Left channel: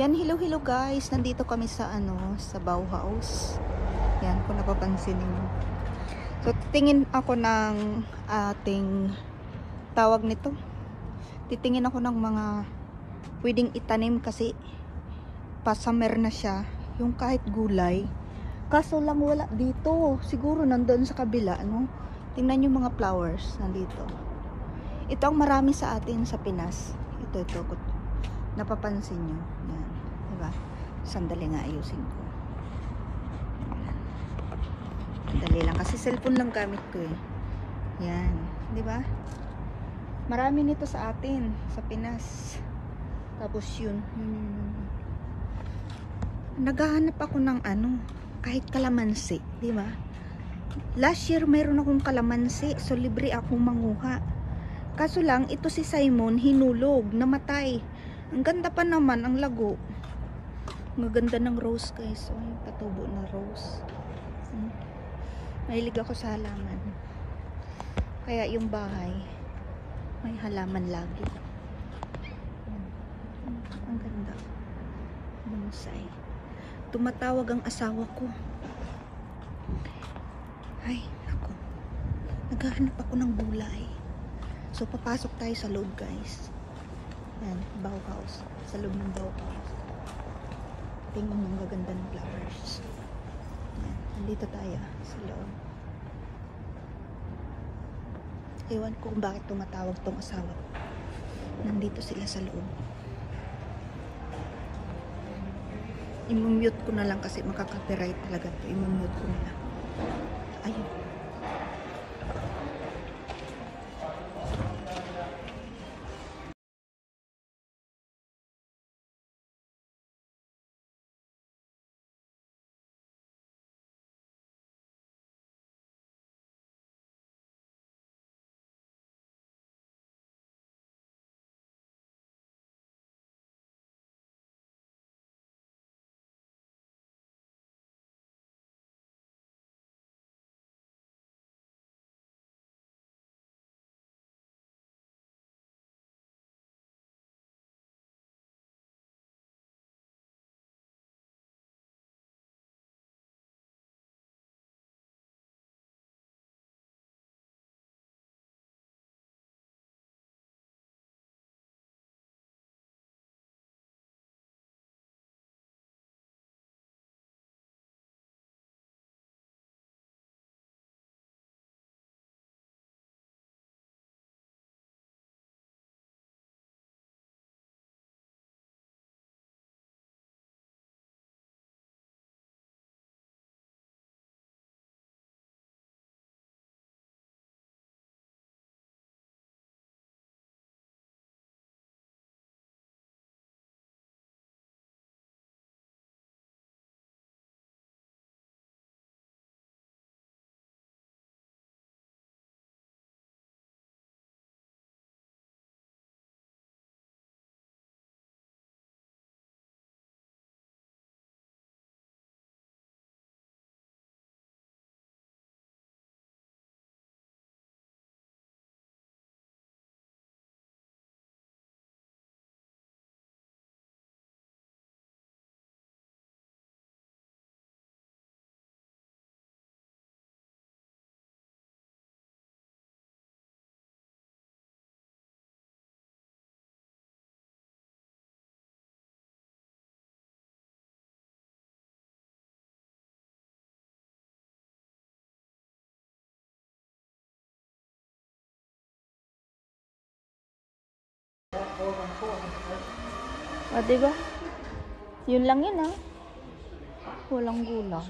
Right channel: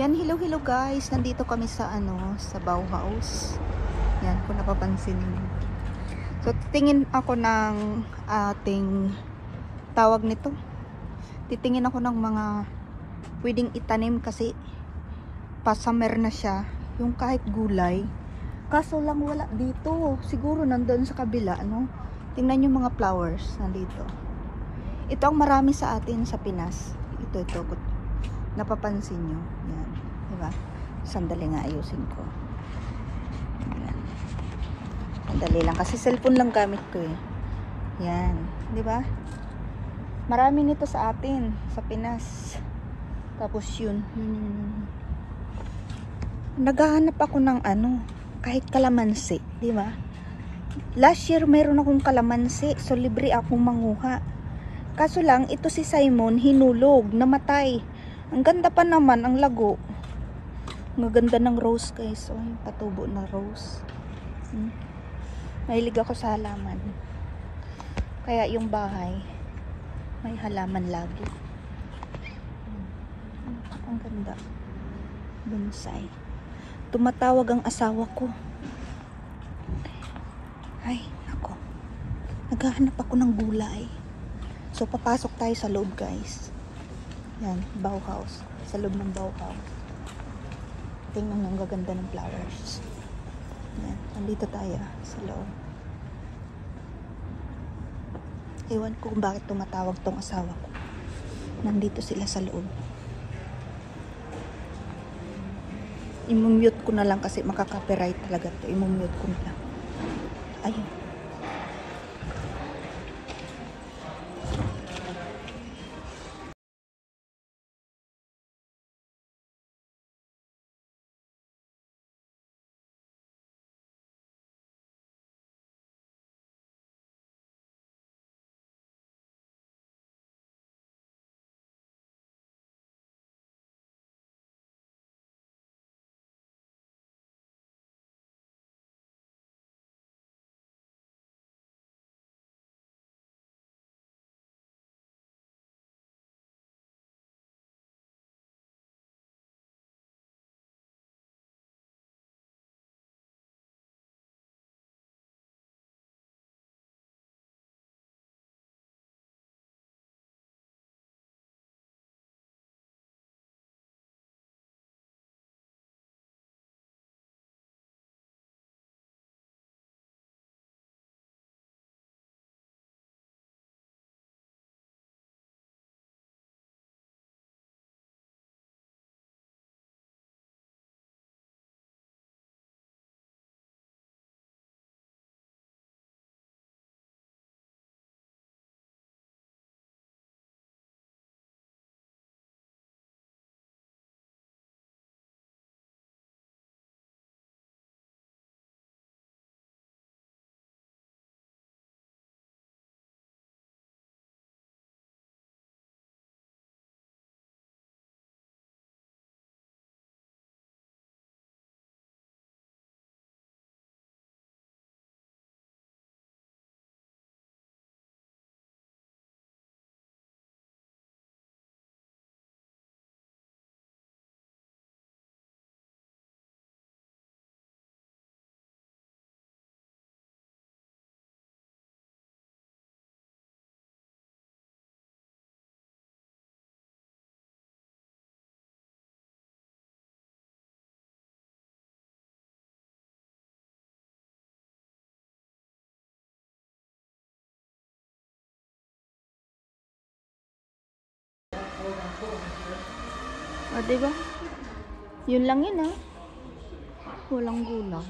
Yan, hello guys. Nandito kami sa sa Bauhaus. Yan, kung napapansin niyo. So, titingin ako ng ating tawag nito. Titingin ako ng mga pwedeng itanim kasi pa-summer na siya. Yung kahit gulay. Kaso lang wala dito. Siguro nandoon sa kabila, no? Tingnan yung mga flowers nandito. Ito ang marami sa atin sa Pinas. Ito. Napapansin nyo. Yan. Diba? Sandali nga ayusin ko. Yan. Sandali lang. Kasi cellphone lang gamit ko eh. Yan. Diba? Marami nito sa atin. Sa Pinas. Tapos yun. Naghahanap ako ng kahit kalamansi. Diba? Last year mayroon akong kalamansi. So libre akong manguha. Kaso lang, ito si Simon hinulog. Namatay. Ang ganda pa naman, ang lago. Ang ganda ng rose guys. Patubo na rose. Mahilig ako sa halaman. Kaya yung bahay, may halaman lagi. Ang ganda. Bonsai. Tumatawag ang asawa ko. Ay, ako. Naghahanap ako ng gulay. So, papasok tayo sa loob guys. Yan, Bauhaus. Sa loob ng Bauhaus. Tingnan ang gaganda ng flowers. Yan, nandito tayo sa loob. Ewan ko kung bakit tumatawag tong asawa ko. Nandito sila sa loob. I-mute ko na lang kasi makaka-copyright talaga to. I-mute ko na lang. Ayun. Diba? Yun lang yun Walang gulay.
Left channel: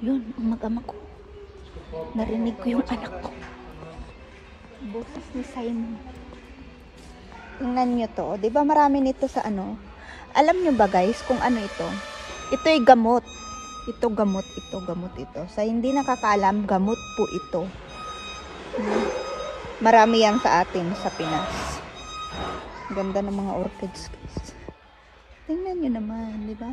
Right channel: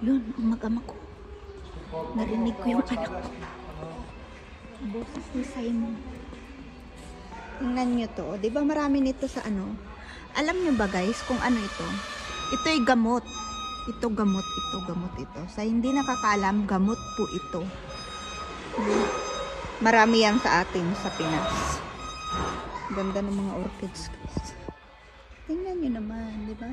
Yun, ang mag-ama ko. Narinig ko yung anak ko. Boses ni Simon. Tingnan nyo to. Diba marami nito sa Alam nyo ba guys kung ano ito? Ito'y gamot. Ito gamot. Sa hindi nakakaalam, gamot po ito. Marami yan sa atin sa Pinas. Ganda ng mga orchids. Tingnan nyo naman, di ba?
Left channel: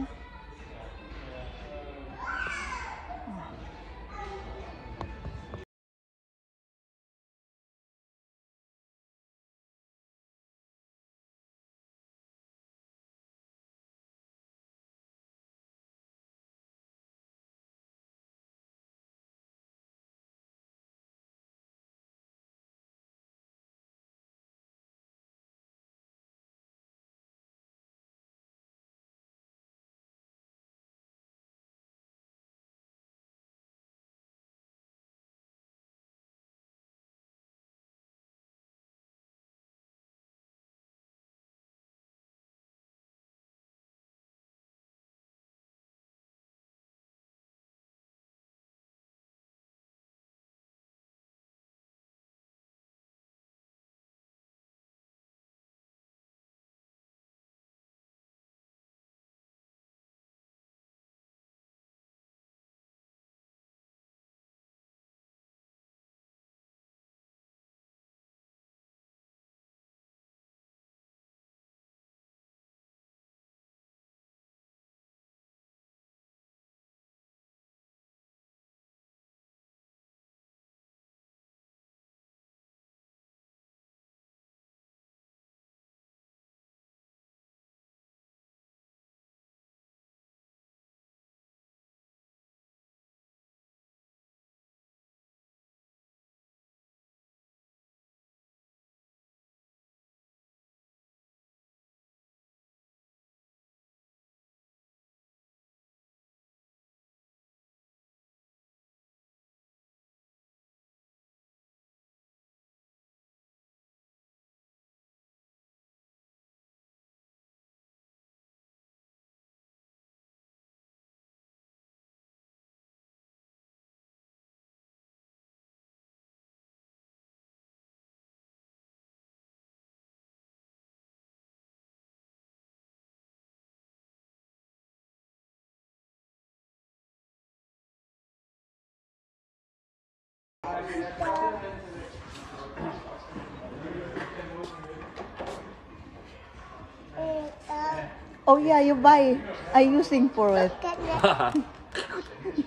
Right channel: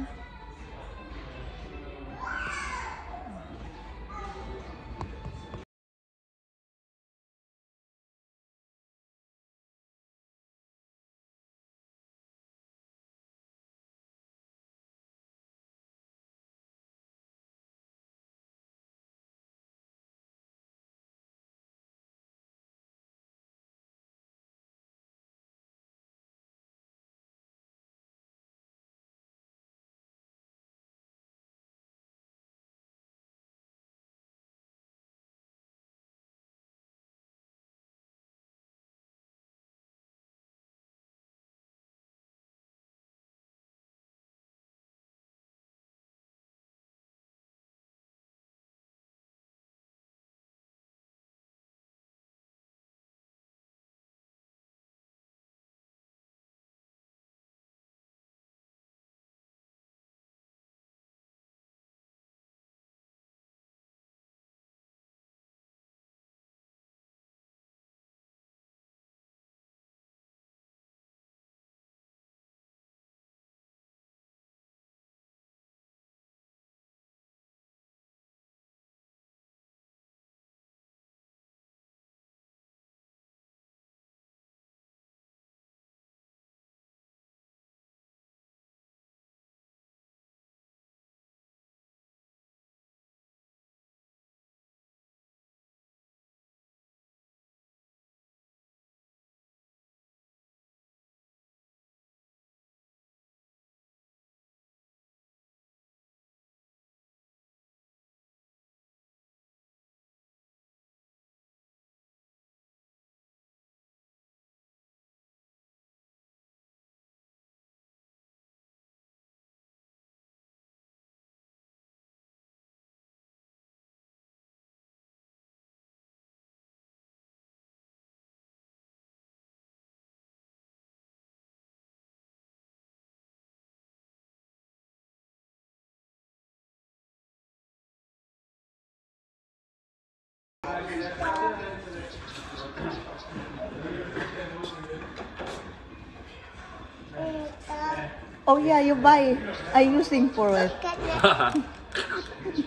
Oh yeah, you buy. I using for it.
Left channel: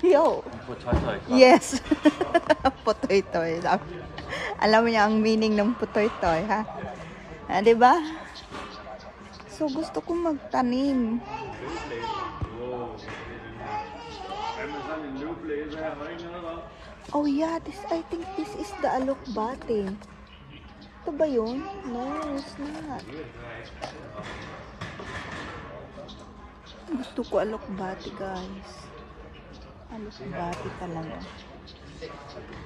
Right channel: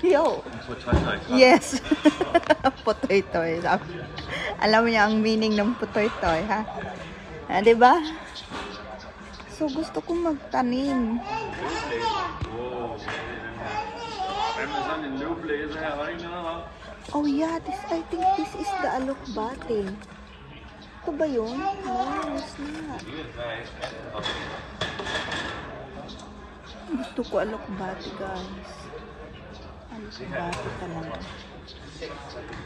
Yo. Yes. Putoy-toy. Alam mo niya ang meaning ng putoy-toy, ha? Ah, diba? So, gusto kong magtanim. Oh yeah, I think this is the alokbate. Ito ba yun? No, it's not. Gusto ko alokbate, guys. Alokbate talaga.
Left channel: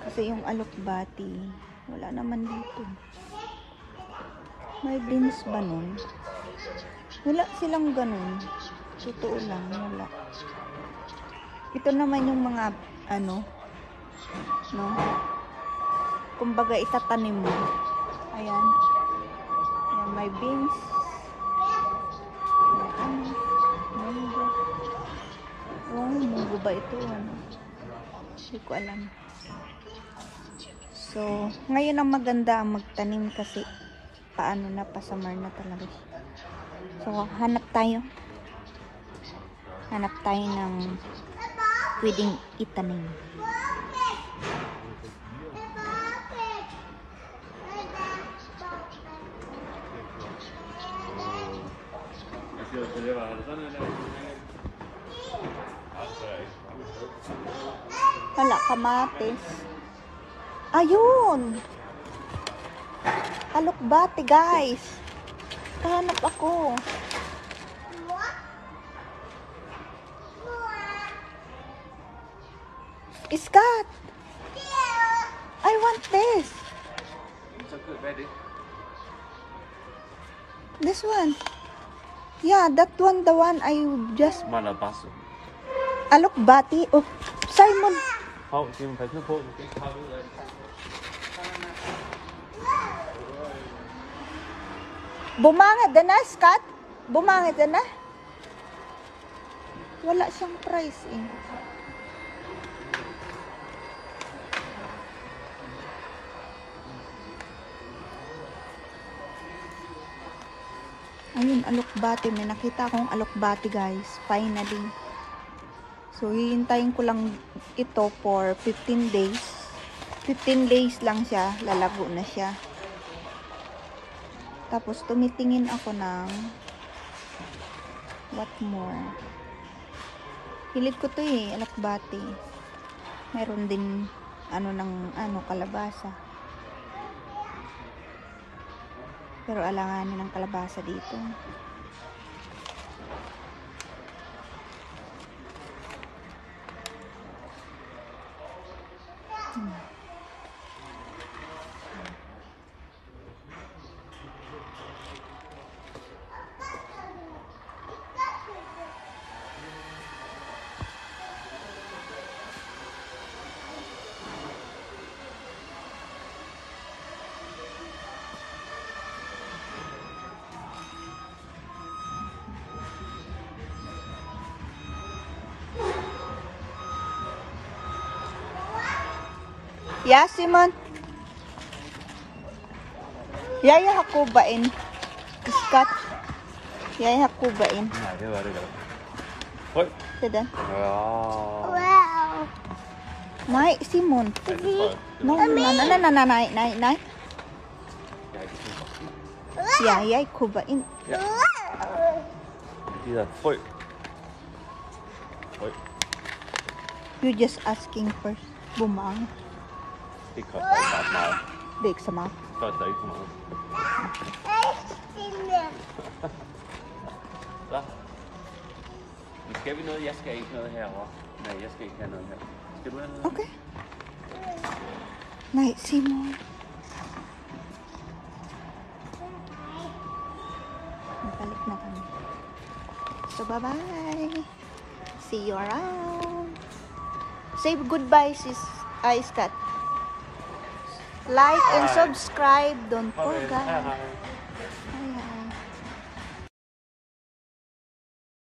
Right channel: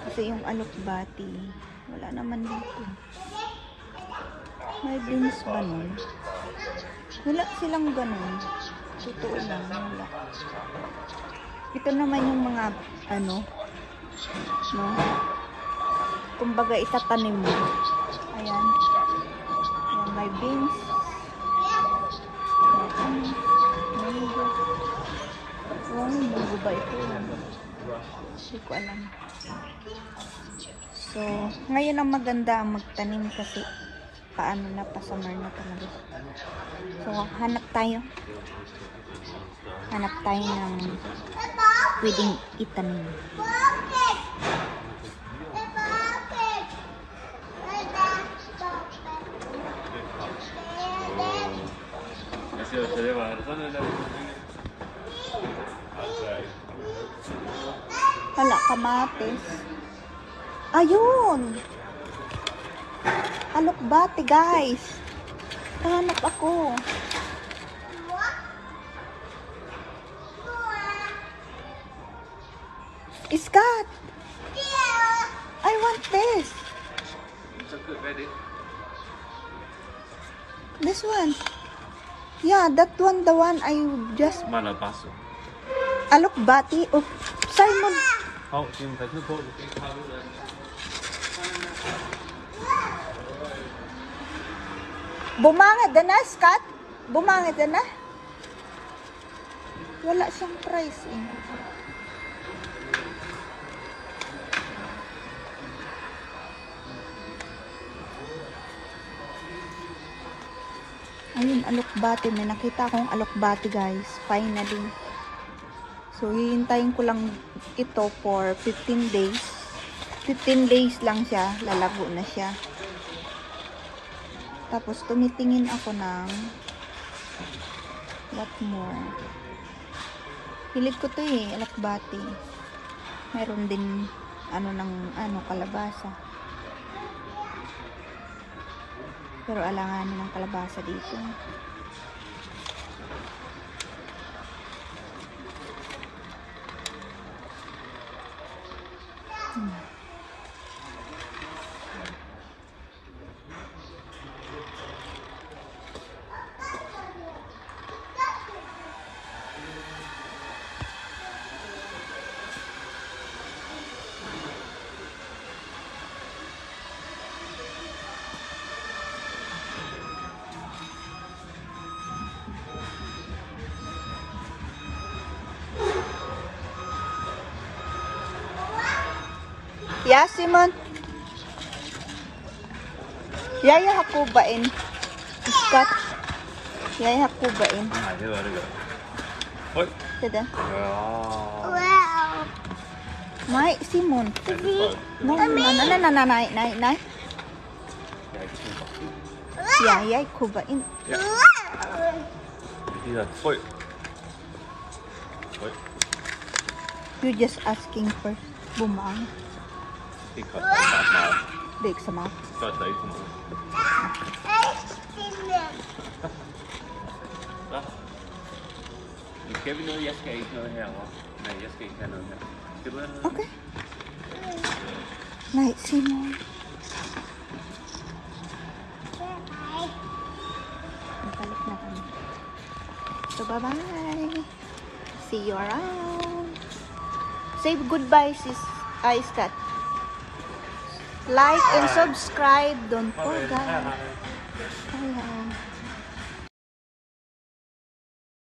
Kasi yung alokbate, wala naman dito. May beans ba nun? Wala silang ganun. Totoo lang, wala. Ito naman yung mga, ano, no? Kumbaga, itatanim mo. Ayan. Ayan, may beans. May ano, munggo. Oh, munggo ba ito? Hindi ko alam. So, ngayon ang maganda ang magtanim kasi paano na, pa-summer na talaga. So, hanap tayo. Hanap tayo ng pwedeng itanim. Wala, kamatis. Ayun! Alokbate, guys. Hanap ako. Scott! I want this. This one. Yeah, that one, the one I just... Malabaso. Alokbate. Oh, Simon. 지금 다 펴고. Bumangad na, Scott? Bumangad na? Wala siyang price eh. Ayun, alokbate. May nakita akong alokbate, guys. Finally. So, hihintayin ko lang ito for 15 days. 15 days lang siya. Lalago na siya. Tapos, tumitingin ako ng what more. Hilig ko to eh, alokbate. Meron din kalabasa. Pero alanganin ng kalabasa dito. Yeah, Simon. Yaya hakubain. Scott. Yaya hakubain. Tada. Nay, Simon. Nay. Yaya kubain. You just asking for bumang. Big sama. Skal vi noget? Jeg skal ikke noget herovre. Nej, jeg skal ikke have noget her. Skal du have noget? Okay. Nej, Simon. Natalik na kami. So, bye-bye. See you around. Say goodbye, sis. Scott. Like and subscribe. Don't forget. Bye.